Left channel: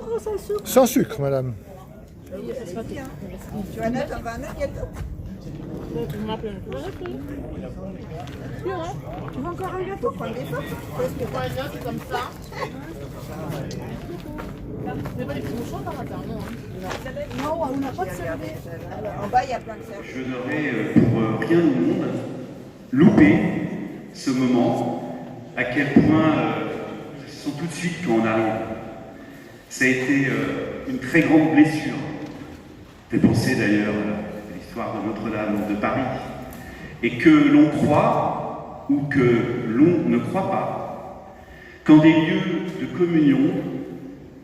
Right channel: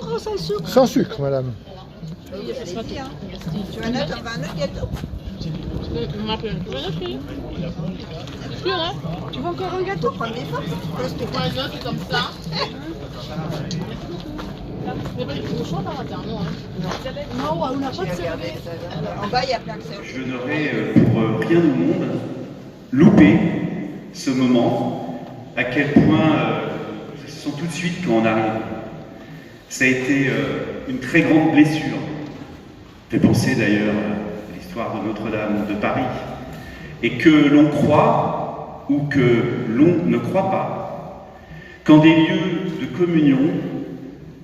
sucre ou sans sucre? Sans sucre, madame. Tu vas un gâteau? Tu veux encore un gâteau? Prends des forces. C'est comme ça. C'est pas du tout chaud par hasard, non? Non, on n'a pas de serviette. En bas, il y a plein de serviettes. Je n'aurais pour rien au monde loupé ce moment, à quel point je sens tout de suite quand on arrive. Ça a été une très grande blessure. Fait penser d'ailleurs à l'histoire de Notre-Dame de Paris. Et que l'on croit ou que l'on ne croit pas, quand des lieux de communion,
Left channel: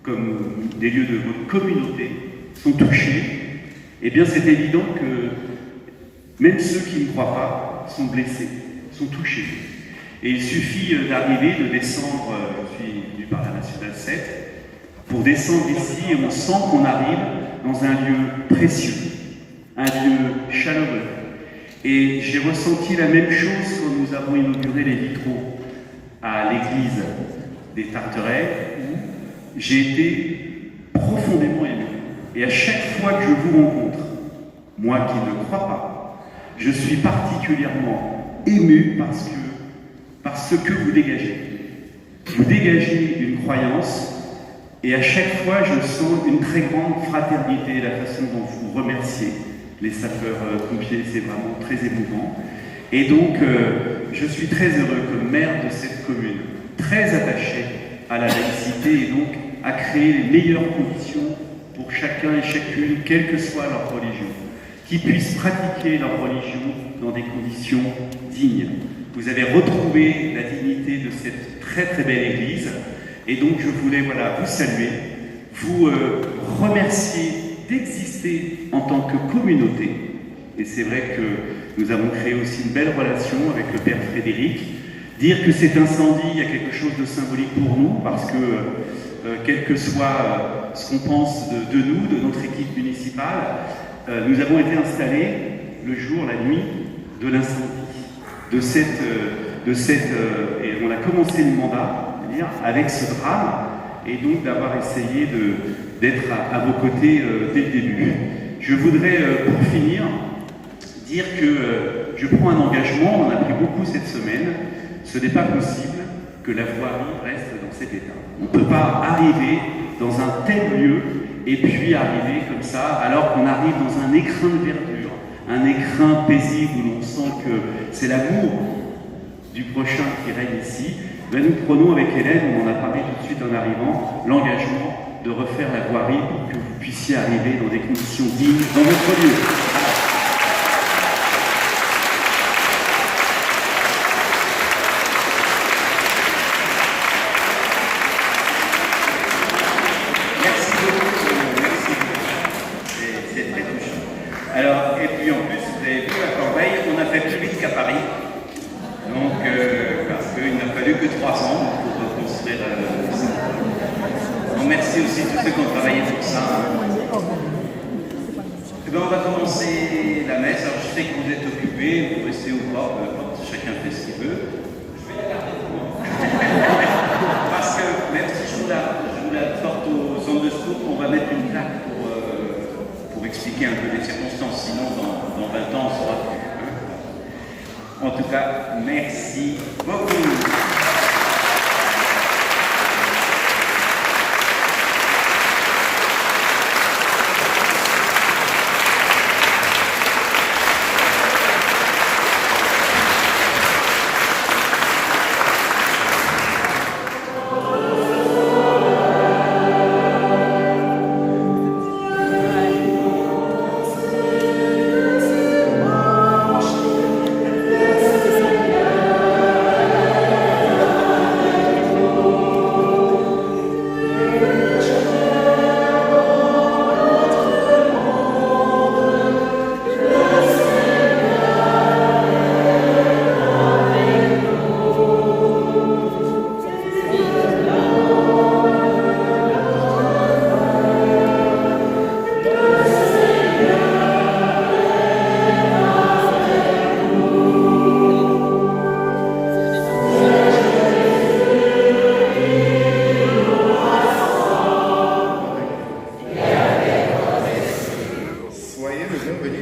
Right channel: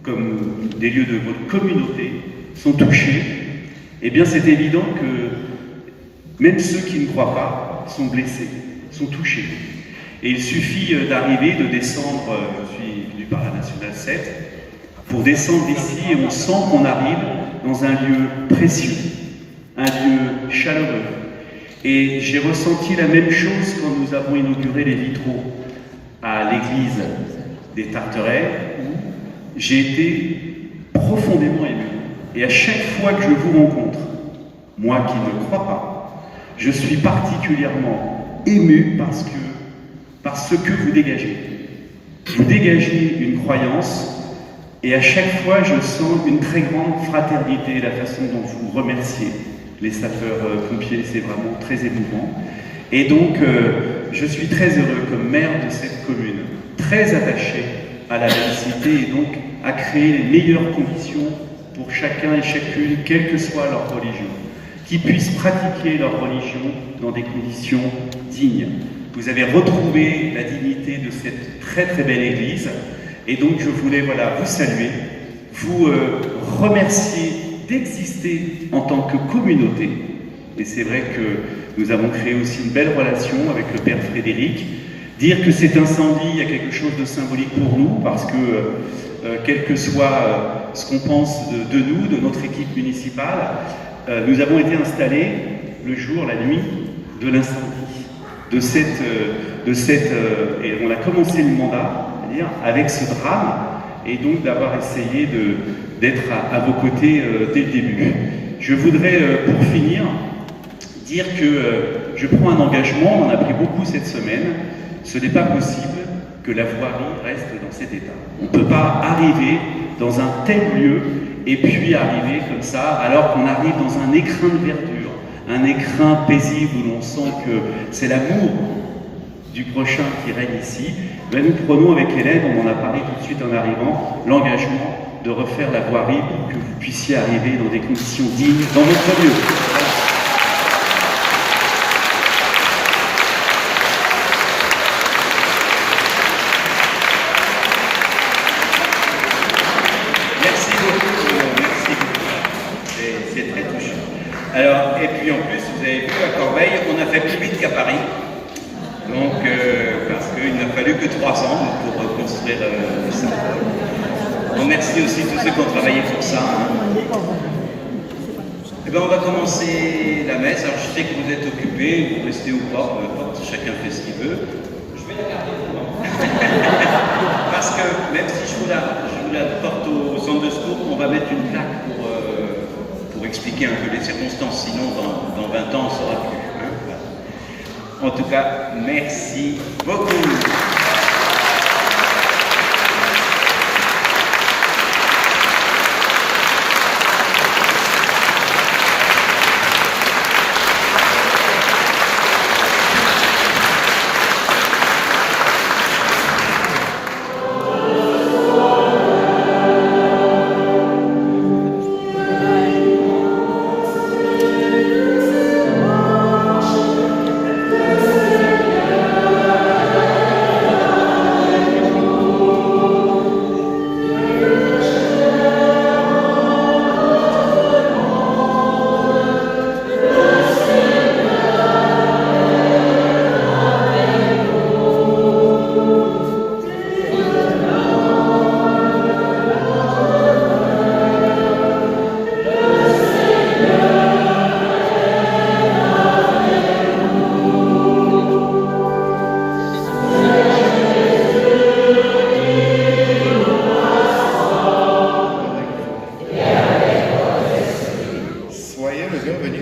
comme des lieux de votre communauté, sont touchés, eh bien c'est évident que même ceux qui ne croient pas sont blessés, sont touchés. Et il suffit d'arriver, de descendre, je suis venu par la Nationale 7, pour descendre ici et on sent qu'on arrive dans un lieu précieux, un lieu chaleureux. Et j'ai ressenti la même chose quand nous avons inauguré les vitraux à l'église des Tarterets, où j'ai été profondément ému. Et à chaque fois que je vous rencontre, moi qui ne crois pas, je suis particulièrement ému par ce que vous dégagez. Vous dégagez une croyance et à chaque fois je sens une très grande fraternité, la façon dont vous remerciez les sapeurs-pompiers, c'est vraiment très émouvant. Et donc je suis très heureux comme maire de cette commune, très attaché à la laïcité et donc à créer les meilleures conditions pour chacun et chacune, quelle que soit leur religion, qui puissent pratiquer leur religion dans des conditions dignes. Vous avez retrouvé la dignité de cette très très belle église et donc je voulais vous saluer, vous remercier d'exister en tant que communauté. Et c'est vrai que nous avons créé aussi une belle relation avec le Père Frédéric. Dire que cet incendie, il y a quelque chose de symbolique pour nous parce que quel que soit ce qu'on pense de nous, de notre équipe municipale, nous avons été installés le jour, la nuit de l'incendie, et on a commencé le mandat, c'est-à-dire avec ce drame, et donc d'avoir essayé d'être à vos côtés dès le début. Je voudrais, pour finir, dire que je prends un engagement, on en a pris beaucoup cette semaine, ce n'est pas possible que la voirie reste dans cet état. On ne peut pas arriver dans un tel lieu et puis arriver comme ça, alors qu'on arrive dans un écrin de verdure, un écrin paisible où l'on sent que c'est l'amour du prochain qui règne ici. Là, nous prenons avec Hélène, on en a parlé tout de suite en arrivant, l'engagement de refaire la voirie pour que vous puissiez arriver dans des conditions dignes dans votre lieu. Voilà. Merci beaucoup. C'est très touchant. Alors, et puis en plus, vous avez vu, à Corbeil, on a fait plus vite qu'à Paris. Donc, parce qu'il n'a fallu que 3 ans pour reconstruire ça. Donc, merci aussi tous ceux qui ont travaillé pour ça. Et bien, on va commencer la messe. Alors, je sais que vous êtes occupés, vous restez ou pas, peu importe, chacun fait ce qu'il veut. Je vais la garder pour moi. Parce que même si je vous la porte au centre de secours, on va mettre une plaque pour expliquer un peu les circonstances. Sinon, dans 20 ans, on saura plus. En tout cas, merci beaucoup.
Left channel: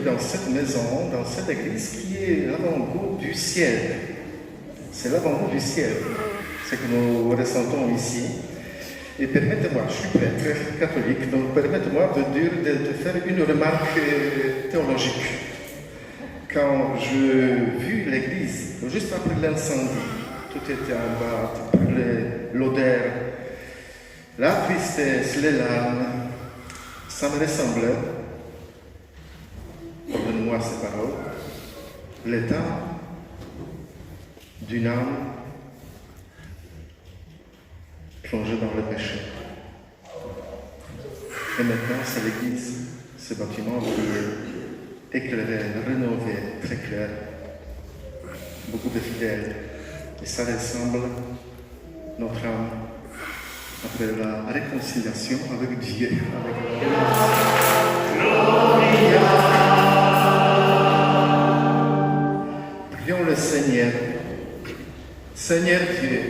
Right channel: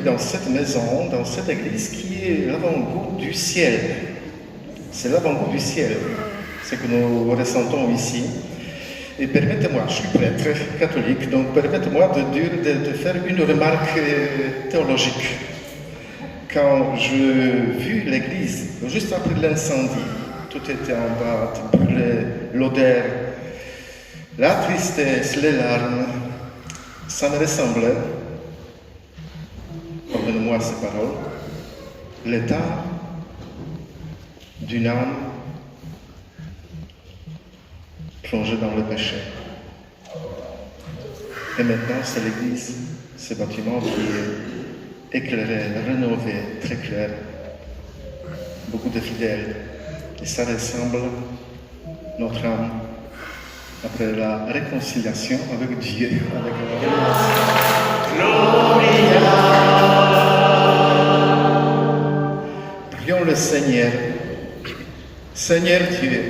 dans cette maison, dans cette église qui est l'avant-goût du ciel. C'est l'avant-goût du ciel, ce que nous ressentons ici. Et permettez-moi, je suis prêtre catholique, donc permettez-moi de faire une remarque théologique. Quand j'ai vu l'église, juste après l'incendie, tout était en bas, l'odeur, la tristesse, les larmes, ça me ressemblait, pardonnez-moi ces paroles, l'état d'une âme plongée dans le péché. Et maintenant, c'est l'église, ce bâtiment qui est éclairé, rénové, très clair, beaucoup de fidèles. Et ça ressemble notre âme après la réconciliation avec Dieu. Prions le Seigneur. Seigneur Dieu,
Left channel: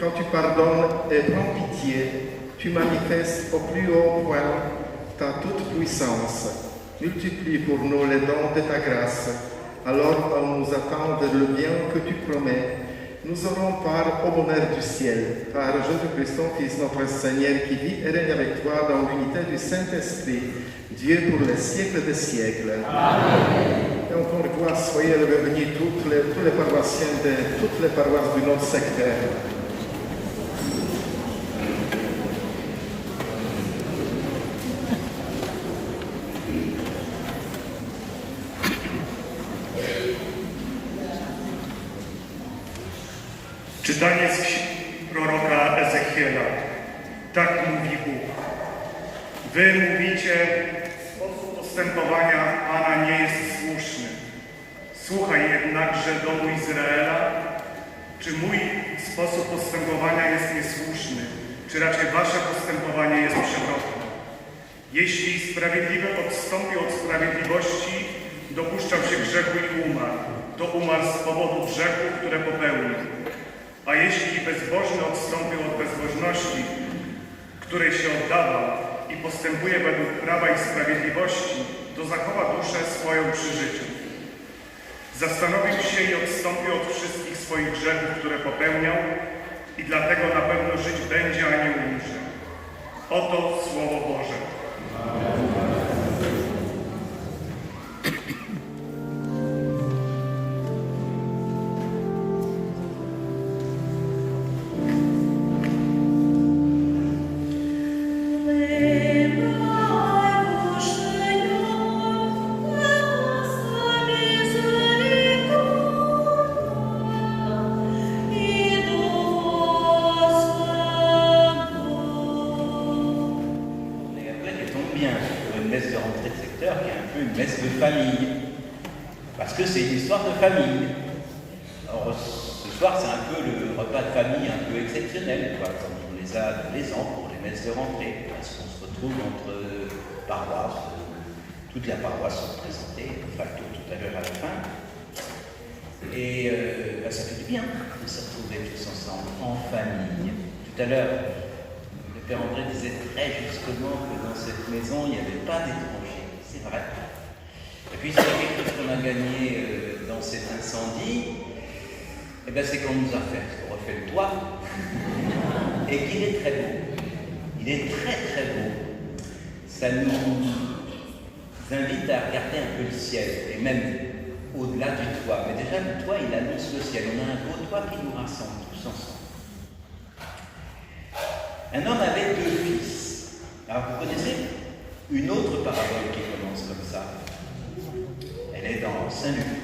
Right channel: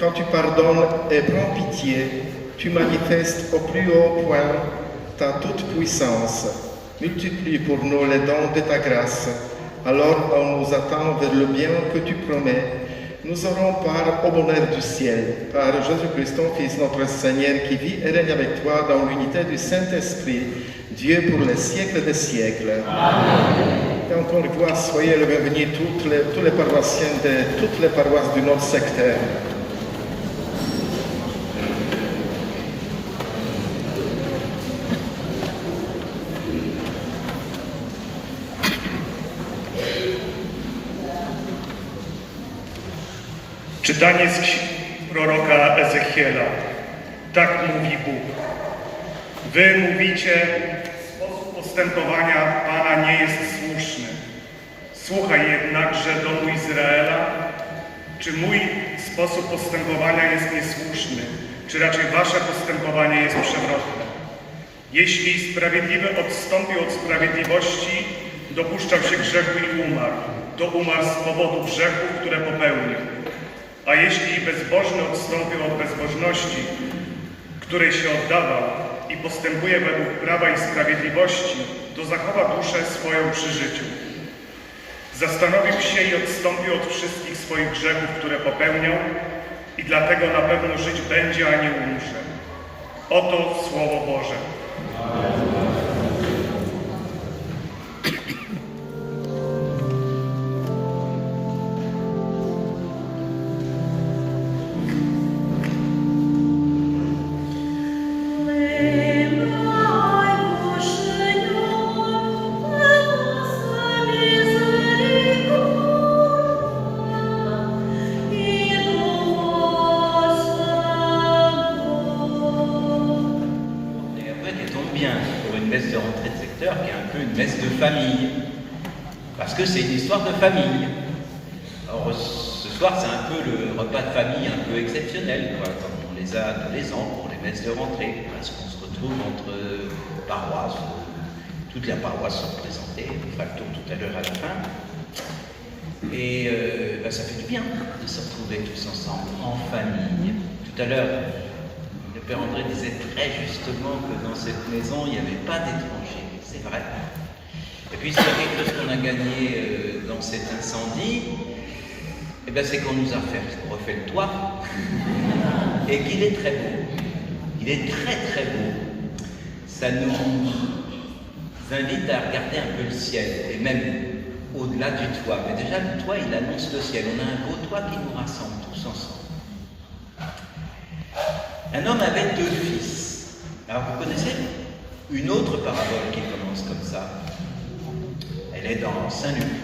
quand tu pardonnes et prends pitié, tu manifestes au plus haut point ta toute-puissance. Multiplie pour nous les dons de ta grâce. Alors on nous attend vers le bien que tu promets. Nous aurons part au bonheur du ciel, par Jésus-Christ, ton Fils, notre Seigneur, qui vit et règne avec toi dans l'unité du Saint-Esprit, Dieu pour les siècles des siècles. Amen. Et encore une fois, soyez le bienvenu tous les paroissiens de toutes les paroisses du notre secteur. Czytanie z proroka Ezechiela. Tak mówi Bóg. Wy mówicie, sposób postępowania Pana nie jest słuszny. Słuchaj jednakże, domu Izraela, czy mój sposób postępowania jest niesłuszny, czy raczej wasze postępowanie jest przewrotne. Jeśli sprawiedliwy odstąpił od sprawiedliwości, dopuszczał się grzechu i umarł, to umarł z powodu grzechów, które popełnił. A jeśli bezbożny odstąpił od bezbożności, której się oddawał i postępuje według prawa i sprawiedliwości, to zachowa duszę swoją przy życiu. Zastanowił się i odstąpił od wszystkich swoich grzechów, które popełniał i dlatego na pewno żyć będzie, a nie umrze. Oto Słowo Boże. Parce que c'est une histoire de famille. Alors, ce soir, c'est un peu le repas de famille un peu exceptionnel, quoi, comme on les a tous les ans pour les messes de rentrée, parce qu'on se retrouve entre paroisses, toutes les paroisses sont représentées, on fera le tour tout à l'heure à la fin. Et ça fait du bien de se retrouver tous ensemble, en famille. Tout à l'heure, le Père André disait très justement que dans cette maison, il n'y avait pas d'étrangers. C'est vrai. Et puis, c'est quelque chose qu'on a gagné dans cet incendie, eh ben, c'est qu'on nous a refait le toit, et qu'il est très beau. Il est très très beau. Ça nous invite à regarder un peu le ciel, et même au-delà du toit. Mais déjà, le toit, il annonce le ciel. On a un beau toit qui nous rassemble tous ensemble. Un homme avait 2 fils. Alors, vous connaissez une autre parabole qui commence comme ça. Elle est dans Saint-Luc.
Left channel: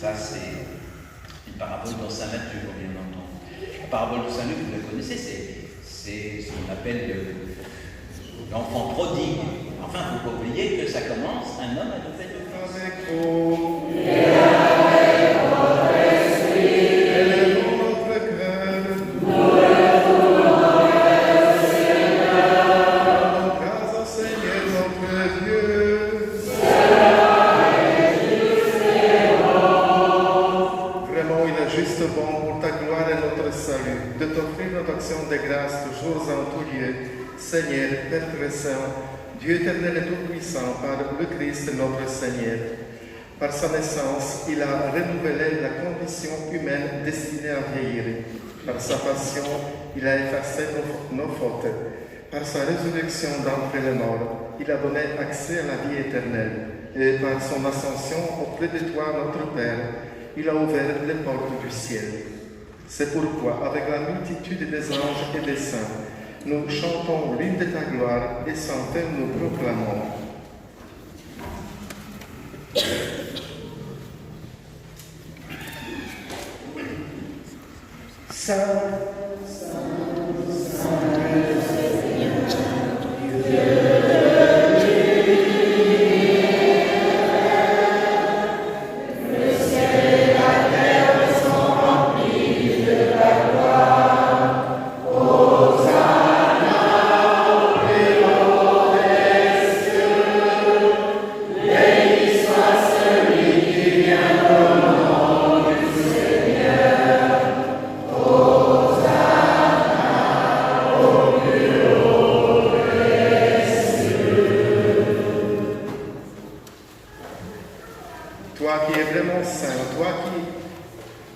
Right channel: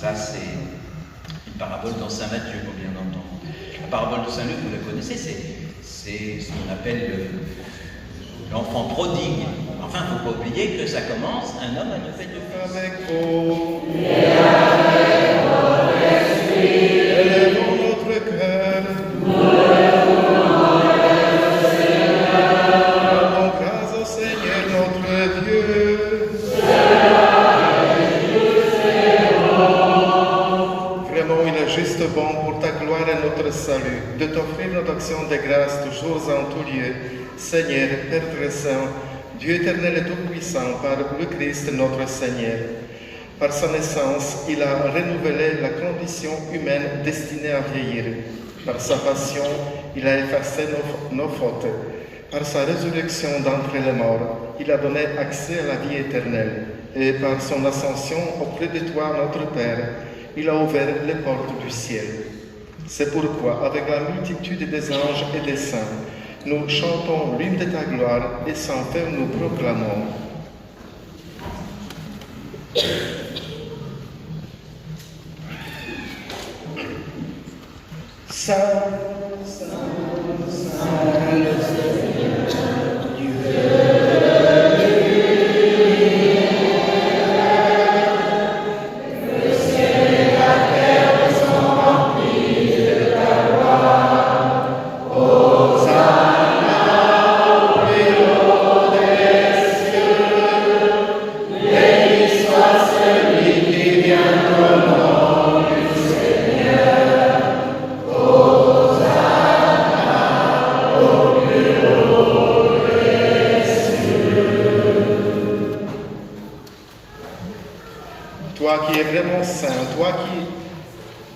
Ça, c'est une parabole dans Saint-Matthieu, qu'on vient d'entendre. La parabole de Saint-Luc, vous la connaissez, c'est ce qu'on appelle l'enfant prodigue. Enfin, il ne faut pas oublier que ça commence, un homme a fait 2 fils. Avec vous, et avec votre esprit, élevons notre cœur. Nous élevons notre Seigneur. Rendons grâce au Seigneur notre Dieu. Vraiment, il est juste bon pour ta gloire et notre salut de t'offrir notre action de grâce toujours en tout lieu. Seigneur, Père très saint, Dieu éternel et tout-puissant, par le Christ notre Seigneur, Par sa naissance, il a renouvelé la condition humaine destinée à vieillir. Par sa passion, il a effacé nos fautes. Par sa résurrection d'entre les morts, il a donné accès à la vie éternelle. Et par son ascension auprès de toi, notre Père, il a ouvert les portes du ciel. C'est pourquoi, avec la multitude des anges et des saints, nous chantons l'hymne de ta gloire et sans faire nous proclamons. Saint, Saint, Saint, le Seigneur, Dieu.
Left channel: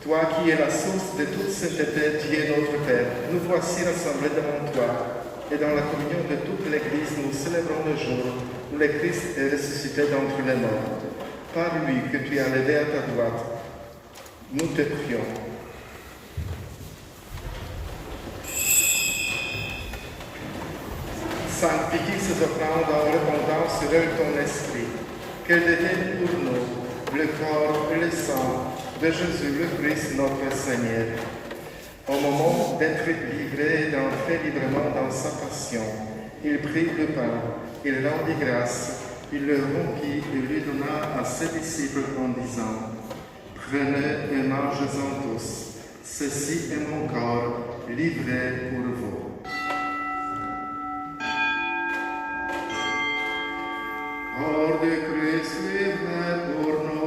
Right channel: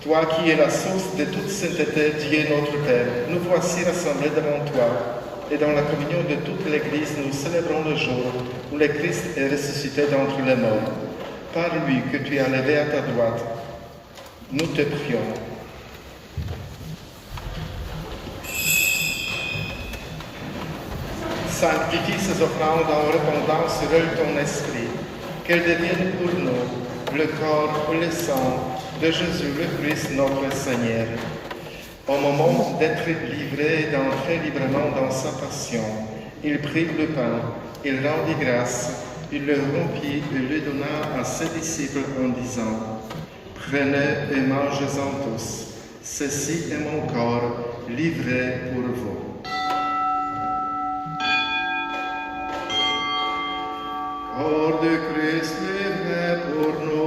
Toi qui es la source de toute sainteté, Dieu notre Père, nous voici rassemblés devant toi, et dans la communion de toute l'Église, nous célébrons le jour où le Christ est ressuscité d'entre les morts. Par lui que tu as levé à ta droite, nous te prions. Sanctifie ces offrandes en répandant sur elles ton esprit, qu'elles deviennent pour nous le corps et le sang de Jésus le Christ notre Seigneur. Au moment d'être livré et d'entrer librement dans sa passion, il prit le pain, il rendit grâce, il le rompit et le donna à ses disciples en disant « Prenez et mangez-en tous, ceci est mon corps livré pour vous. » Corps de Christ livré pour nous.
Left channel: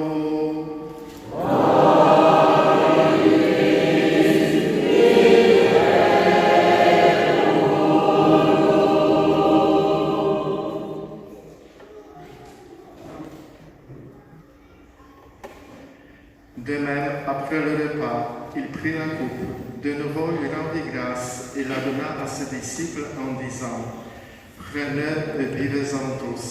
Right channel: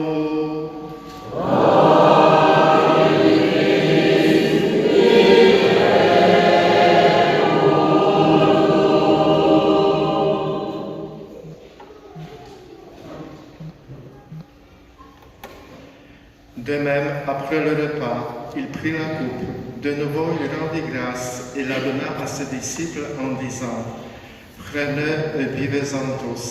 De même, après le repas, il prit la coupe. De nouveau, il rendit grâce et la donna à ses disciples en disant « Prenez et buvez-en tous,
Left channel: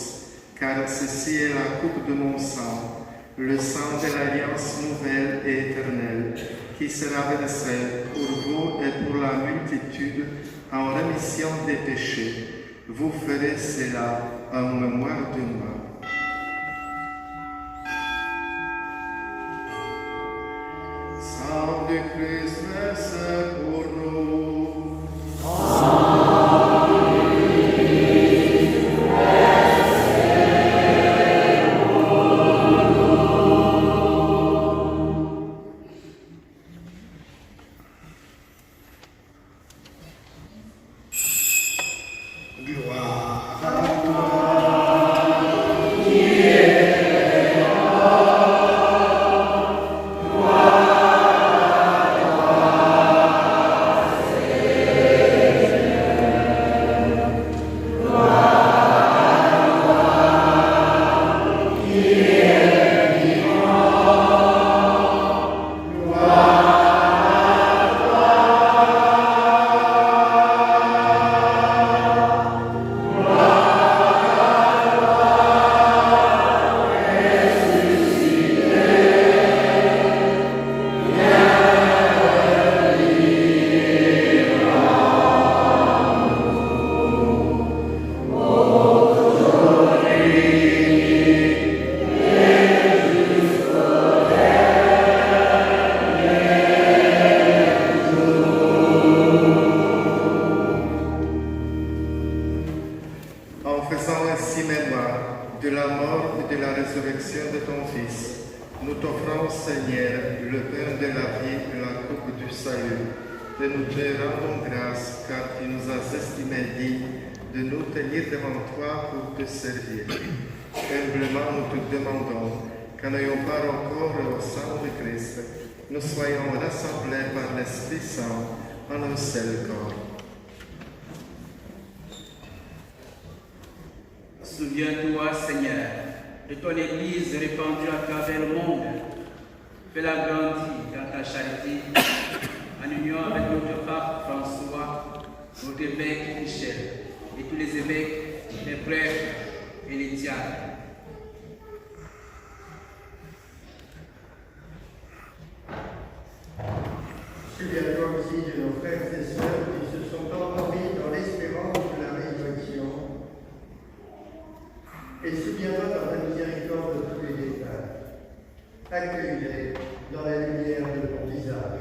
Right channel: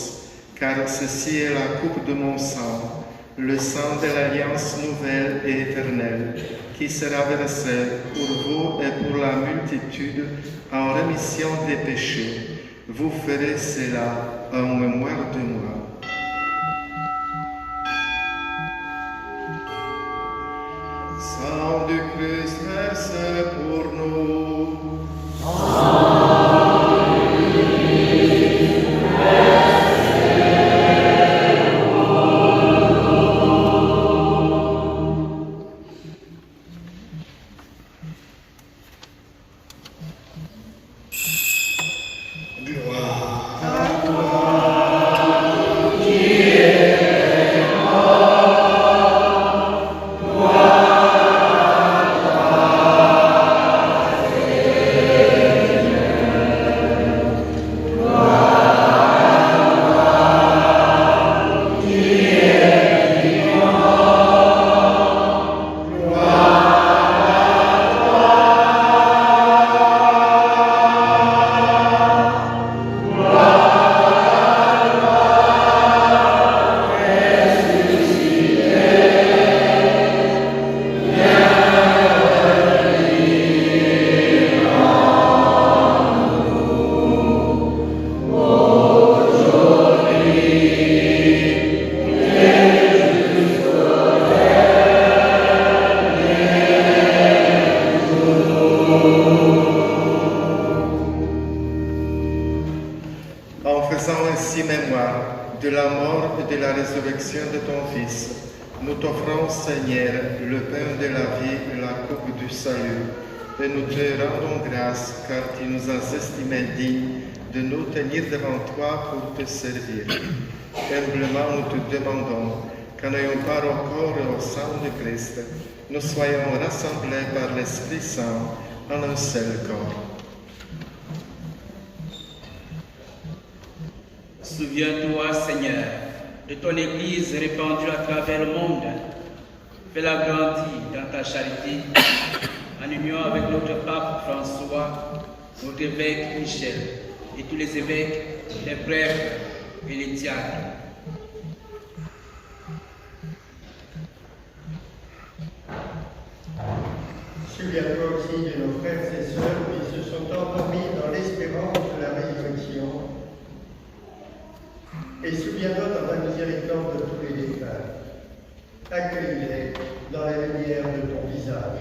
car ceci est la coupe de mon sang, le sang de l'alliance nouvelle et éternelle, qui sera versé pour vous et pour la multitude en rémission des péchés. Vous ferez cela en mémoire de moi. » Sang du Christ, versé pour nous. Nous soyons rassemblés par l'Esprit Saint en un seul corps. Souviens-toi, Seigneur, de ton Église répandue à travers le monde. Fais-la grandir dans ta charité, en union avec notre pape François, notre évêque Michel et tous les évêques, les prêtres et les diacres. Souviens-toi aussi de nos frères et sœurs qui se sont endormis dans l'espérance de la résurrection. Et souviens-toi dans ta miséricorde de tous les défunts. Accueille-les dans la lumière de ton visage.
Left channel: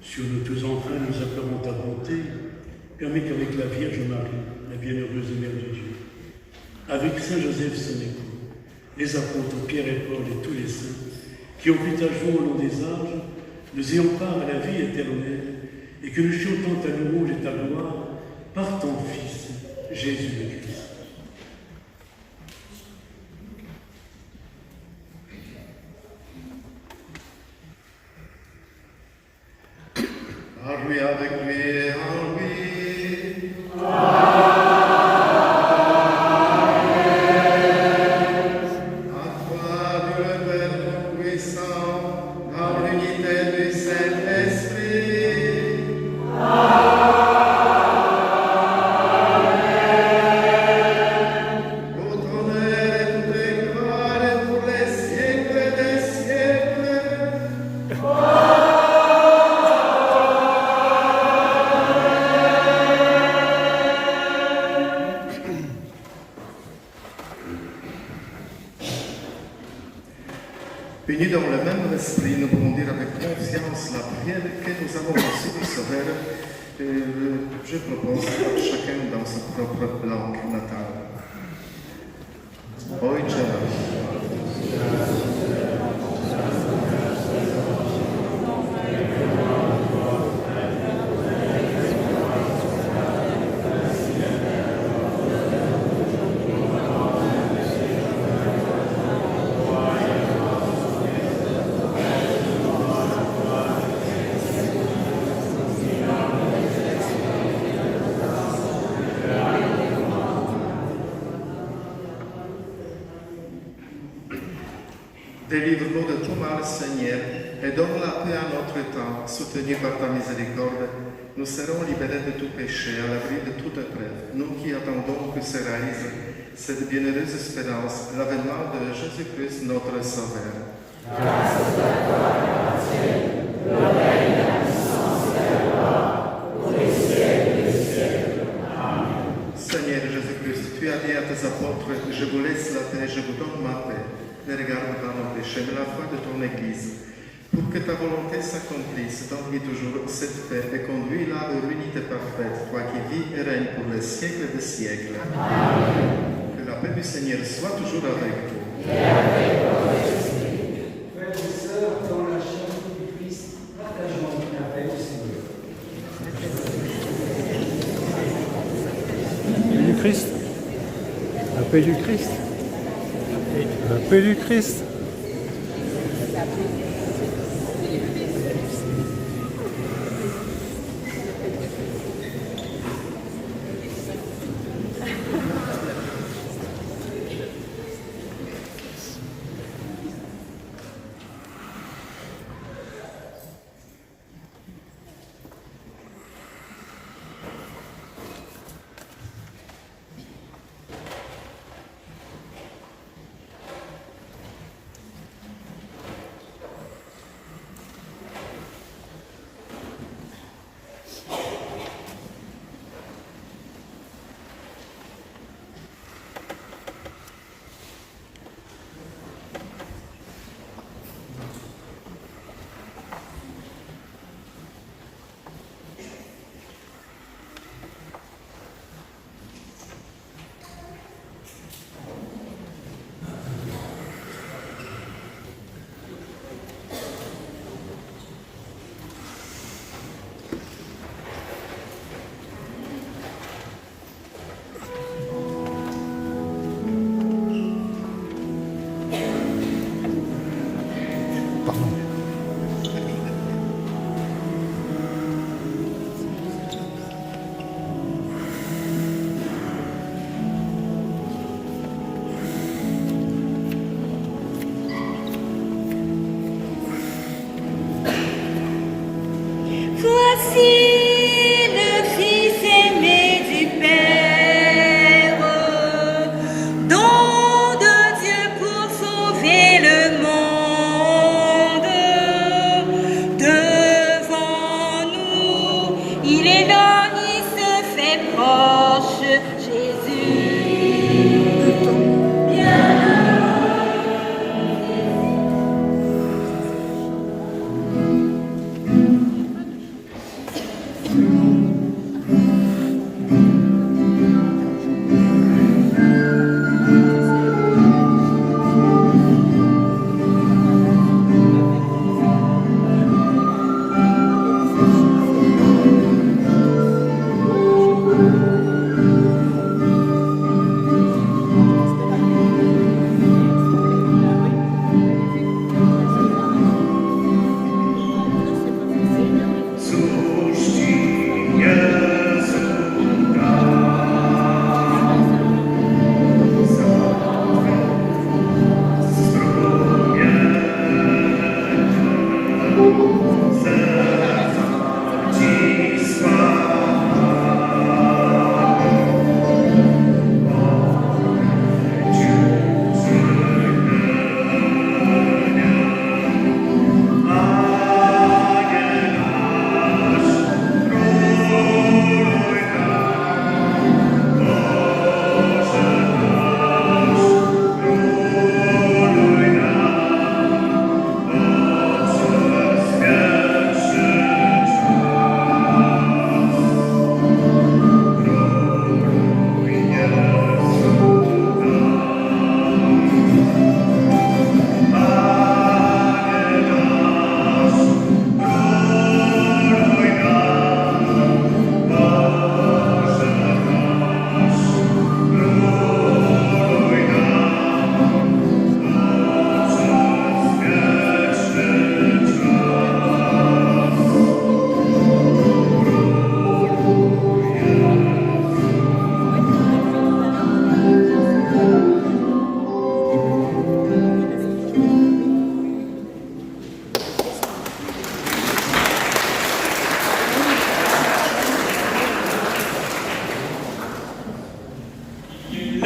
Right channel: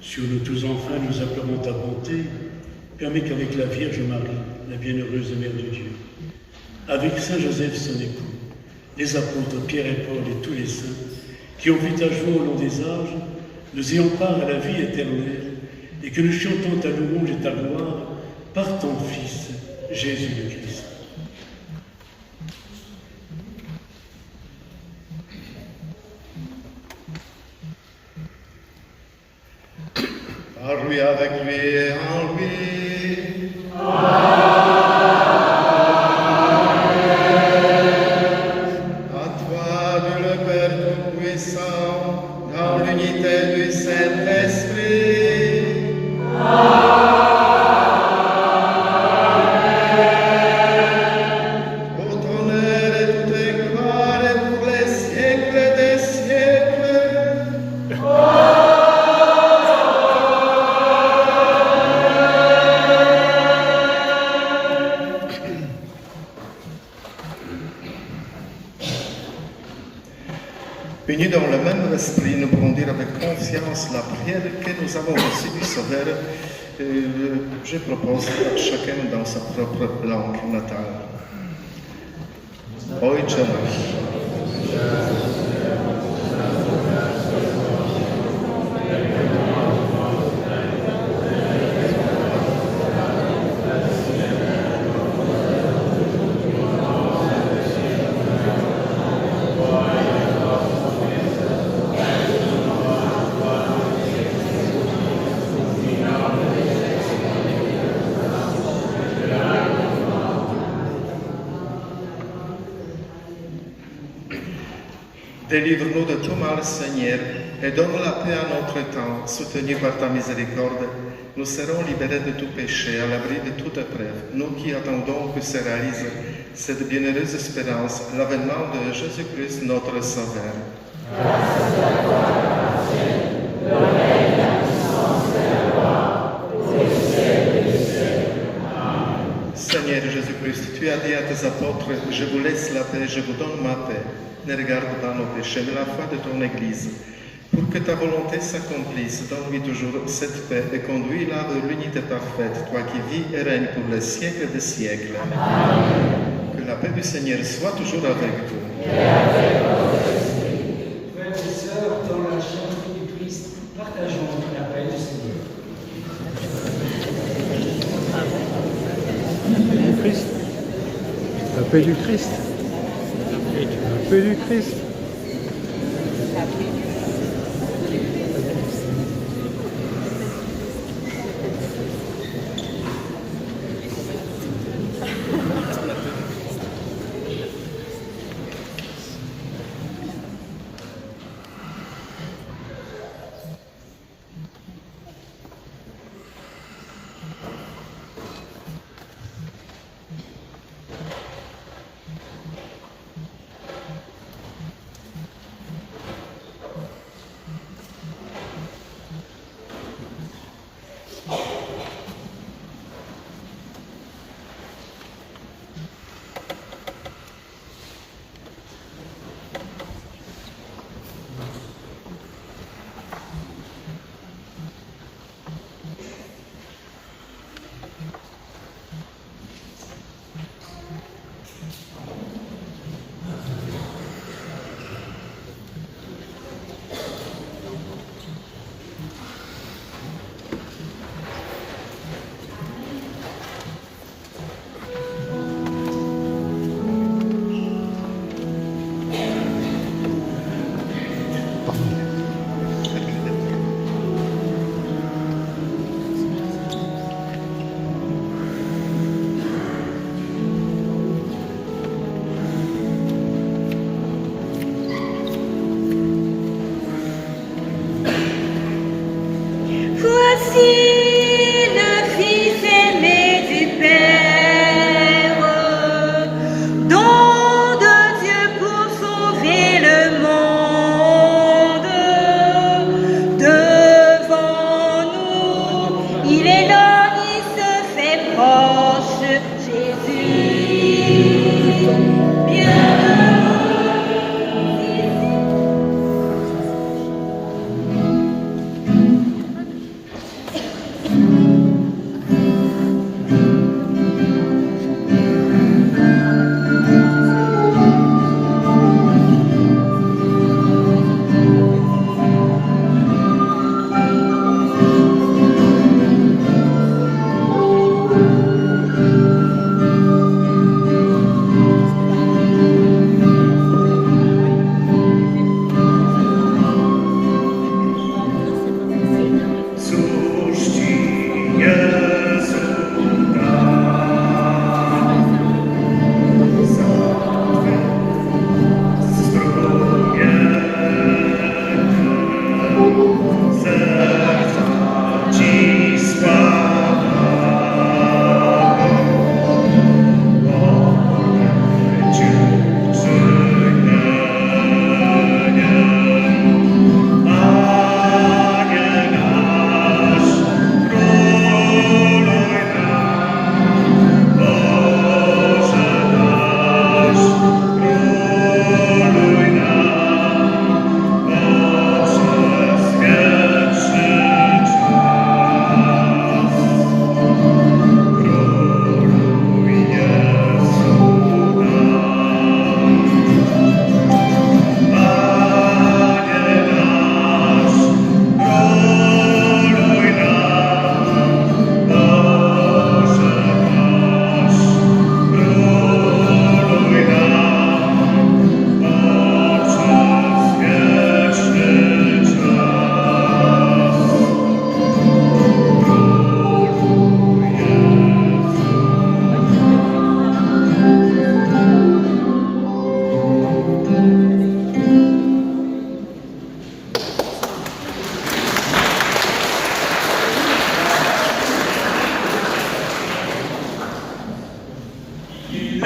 Sur nous tous enfants, nous acclamons ta bonté. Permets qu'avec la Vierge Marie, la bienheureuse Mère de Dieu, avec Saint Joseph son époux, les apôtres Pierre et Paul et tous les saints qui ont vu ta joie au long des âges, nous ayons part à la vie éternelle et que nous chantons ta louange et ta gloire par ton Fils, Jésus le Christ. Par lui, avec lui et en lui. À toi, Dieu le Père Tout-Puissant, dans l'unité du Saint-Esprit. Pour ton honneur et toute gloire et pour les siècles des siècles. Unis dans le même esprit, nous pouvons dire avec confiance la prière que nous avons reçue du Sauveur. Je propose à chacun dans sa propre langue natale. Ojcze nasz. Délivre-nous de tout mal, Seigneur, et donne la paix à notre temps. Soutenus par ta miséricorde, nous serons libérés de tout péché, à l'abri de toute épreuve. Nous qui attendons que se réalise cette bienheureuse espérance, l'avènement de Jésus-Christ, notre Sauveur. Grâce à toi, le règne, la puissance et la gloire, pour les siècles des siècles. Amen. Seigneur Jésus-Christ, tu as dit à tes apôtres, je vous laisse la paix, je vous donne ma paix. Ne regarde pas nos péchés, mais la foi de ton Église. Pour que ta volonté s'accomplisse, donne-lui toujours cette paix et conduis-la à l'unité parfaite, toi qui vis et règnes pour les siècles des siècles. Amen. Que la paix du Seigneur soit toujours avec vous. Et avec votre esprit. Frères et sœurs, dans la charité du Christ, partageons la paix du Seigneur. Du Christ. La paix du Christ. La paix du Christ.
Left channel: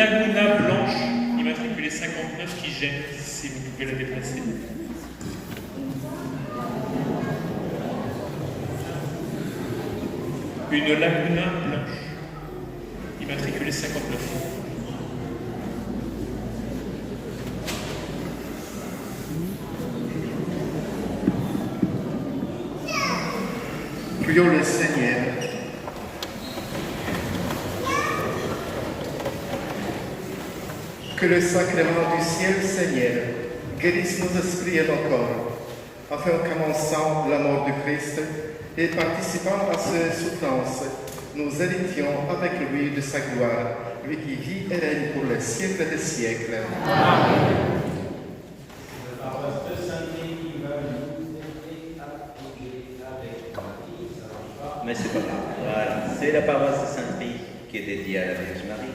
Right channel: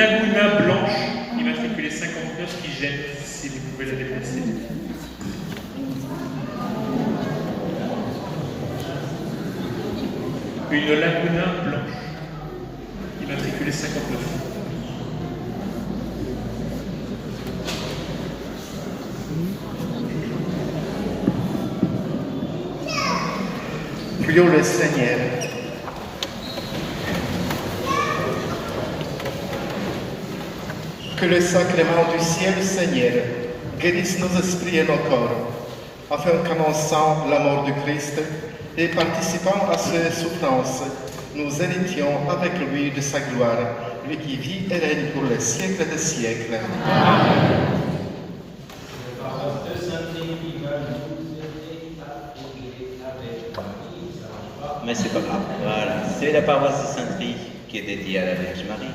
Laguna blanche, immatriculée 59, qui jette, si vous pouvez la déplacer. Une Laguna blanche, immatriculée 59. Prions le Seigneur. Que le sacrement du ciel, Seigneur, guérisse nos esprits et nos corps, afin qu'annonçant la mort du Christ et participant à ses souffrances, nous héritions avec lui de sa gloire, lui qui vit et règne pour les siècles des siècles. Amen. Mais c'est pas grave, voilà. C'est la paroisse de Sainte-Marie qui est dédiée à la Vierge Marie,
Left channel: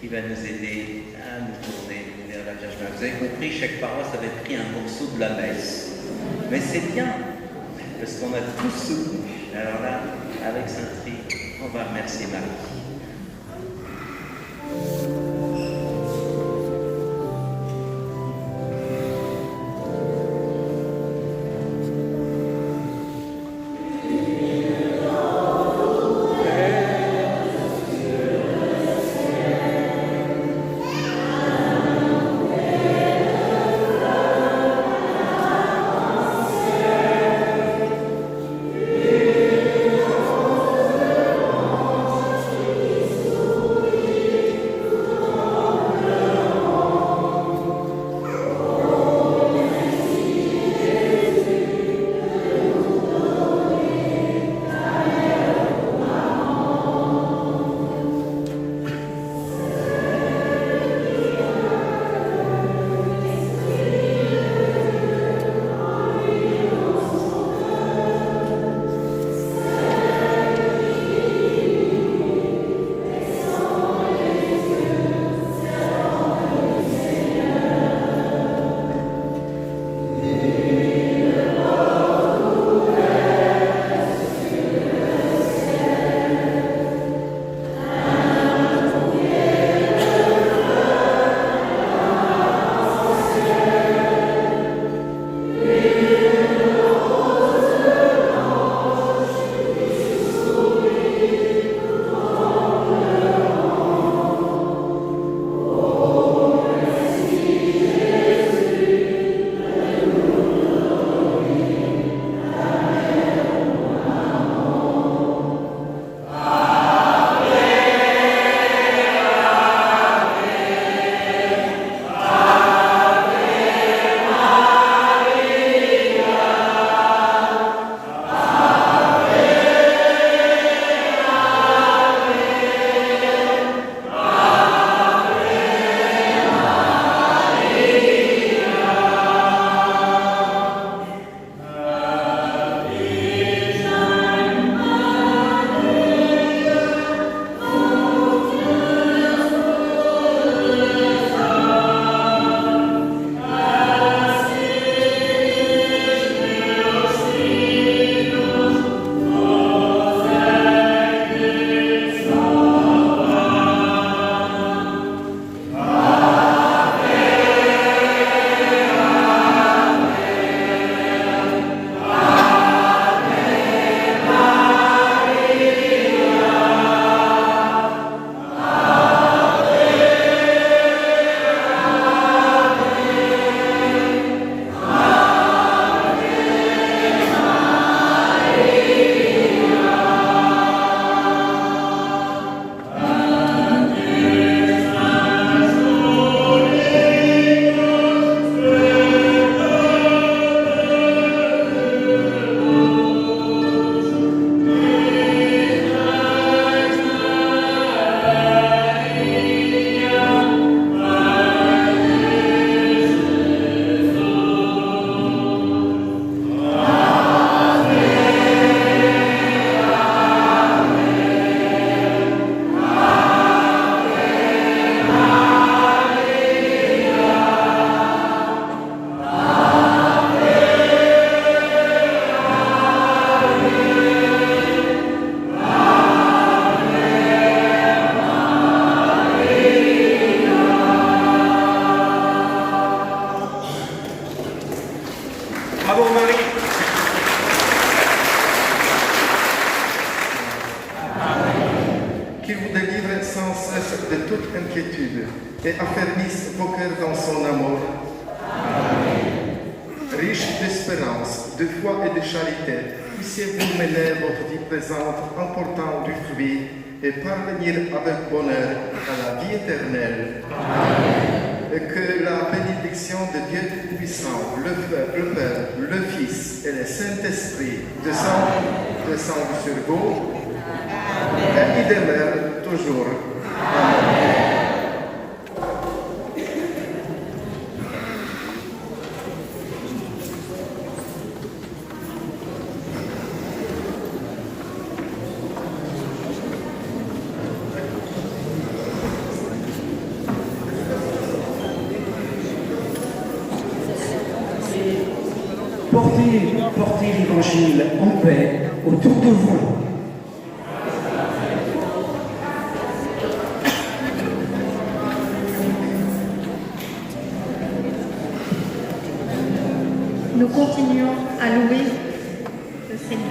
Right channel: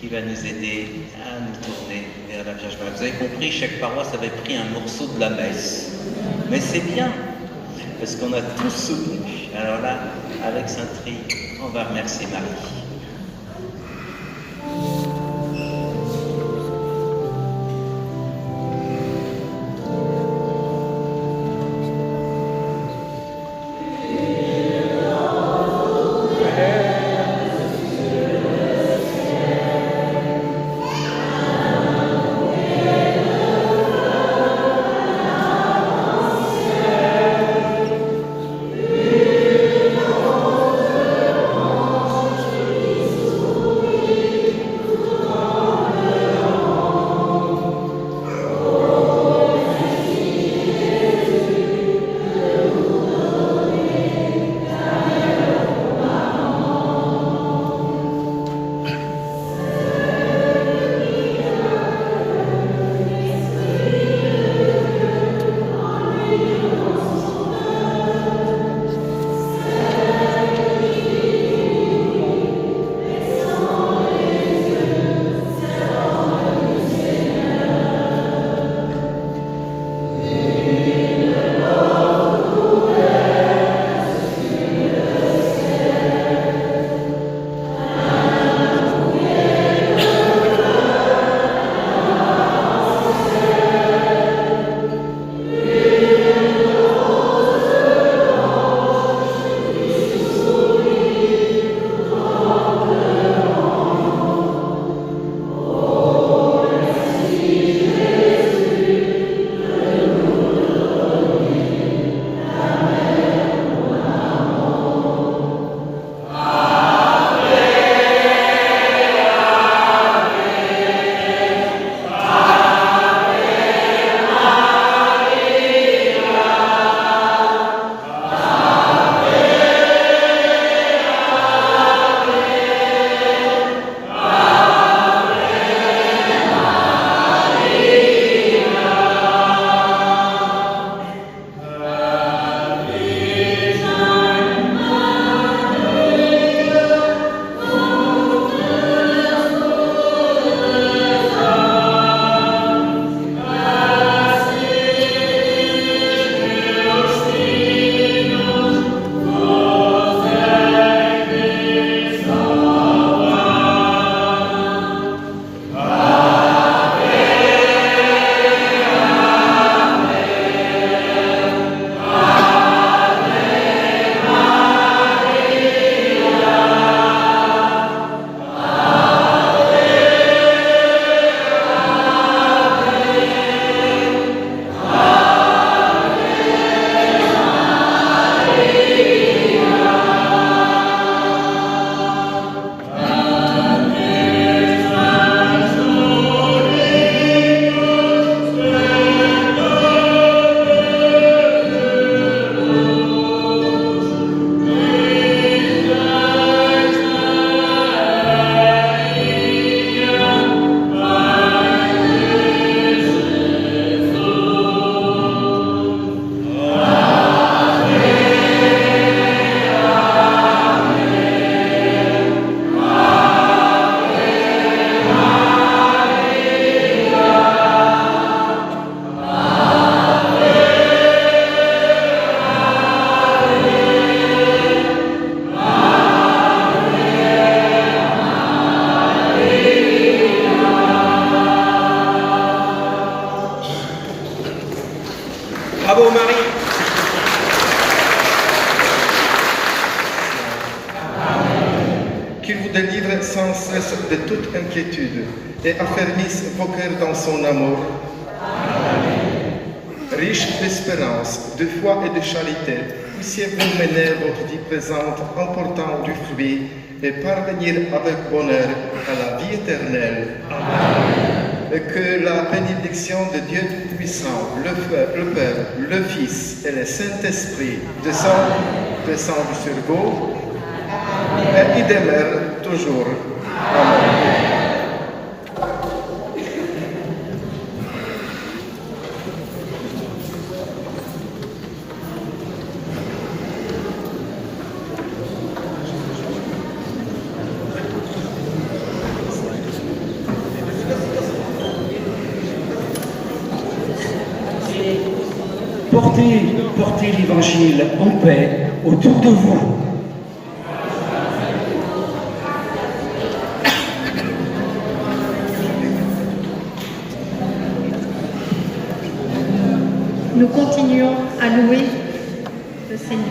qui va nous aider à nous tourner vers la Vierge Marie. Vous avez compris, chaque paroisse avait pris un morceau de la messe. Mais c'est bien, parce qu'on a tous soutenu. Alors là, avec Sainte-Marie, on va remercier Marie. sans cesse de toute inquiétude et affermisse vos cœurs dans son amour. Riche d'espérance, de foi et de charité, puissiez-vous mener votre vie présente en portant du fruit et parvenir avec bonheur à la vie éternelle. Et que la bénédiction de Dieu Tout-Puissant, le Père, le Fils et le Saint-Esprit descende sur vous et y demeure toujours. Amen. Portez l'Évangile en paix autour de vous. Nous continuons à louer le Seigneur.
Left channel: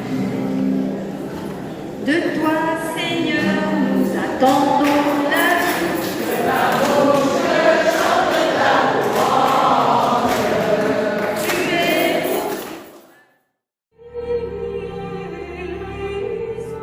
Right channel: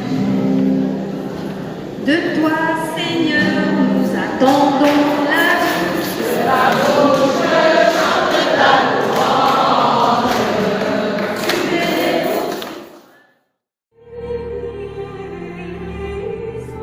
De toi, Seigneur, nous attendons la vie. De la bouche, chante ta louange. Tu es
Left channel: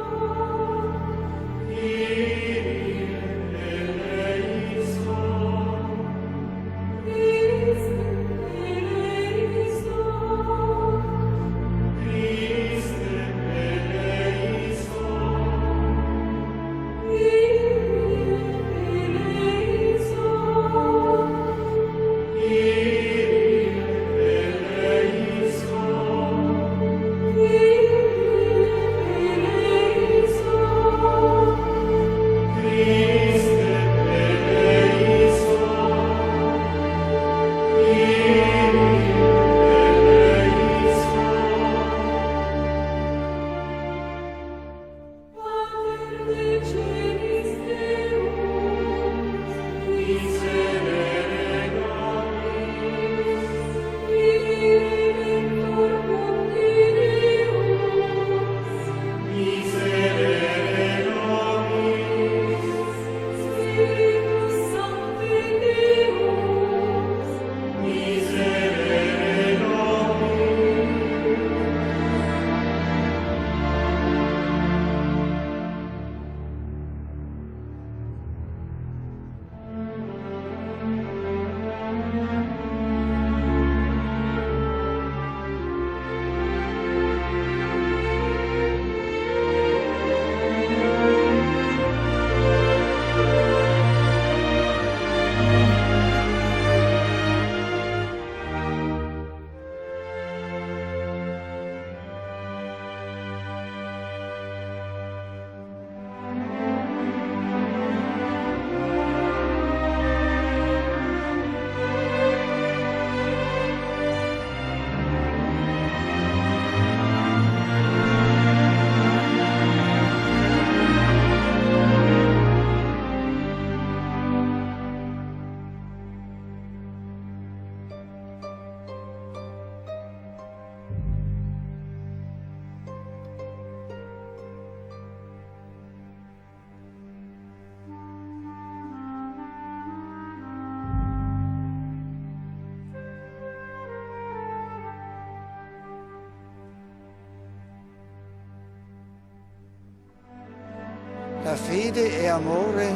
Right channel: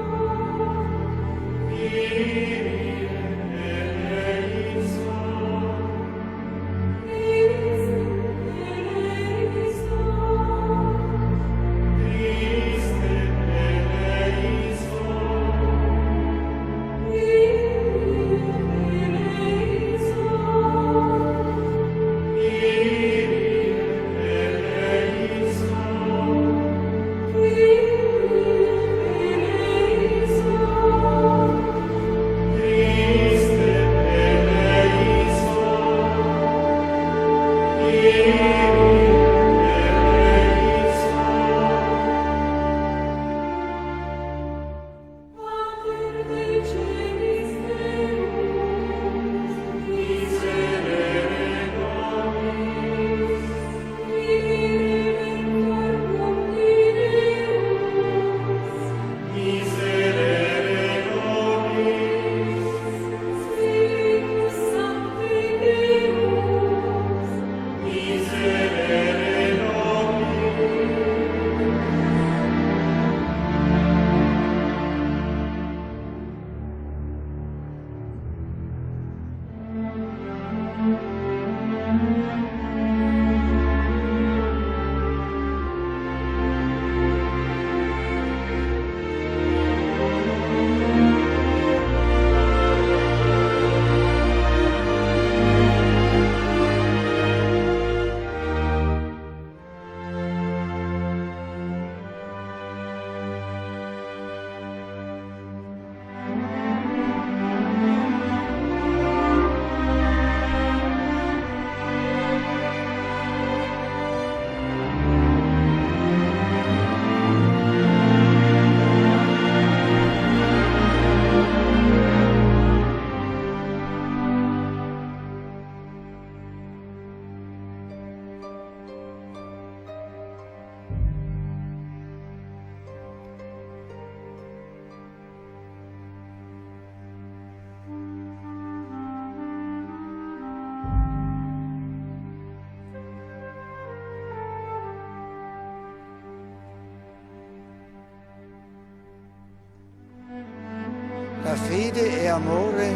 La fede è amore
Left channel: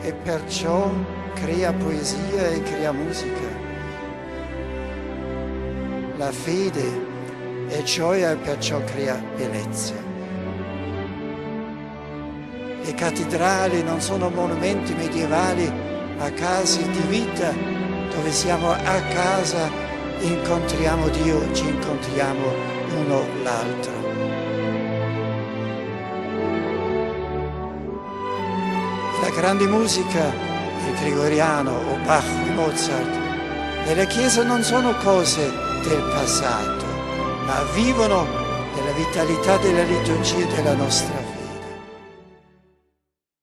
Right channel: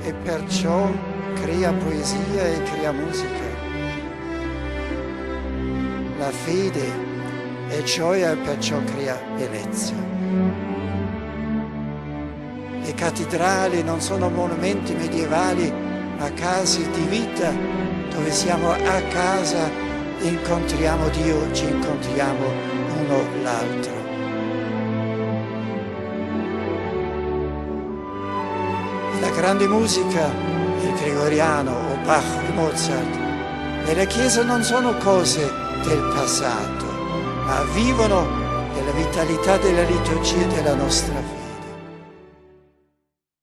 e perciò crea poesia e crea musica. La fede è gioia e perciò crea bellezza. Le cattedrali non sono monumenti medievali, ma case di vita dove siamo a casa, incontriamo Dio, ci incontriamo uno l'altro. La grande musica, il gregoriano o Bach o Mozart, nella Chiesa non sono cose del passato, ma vivono della vitalità della liturgia della nostra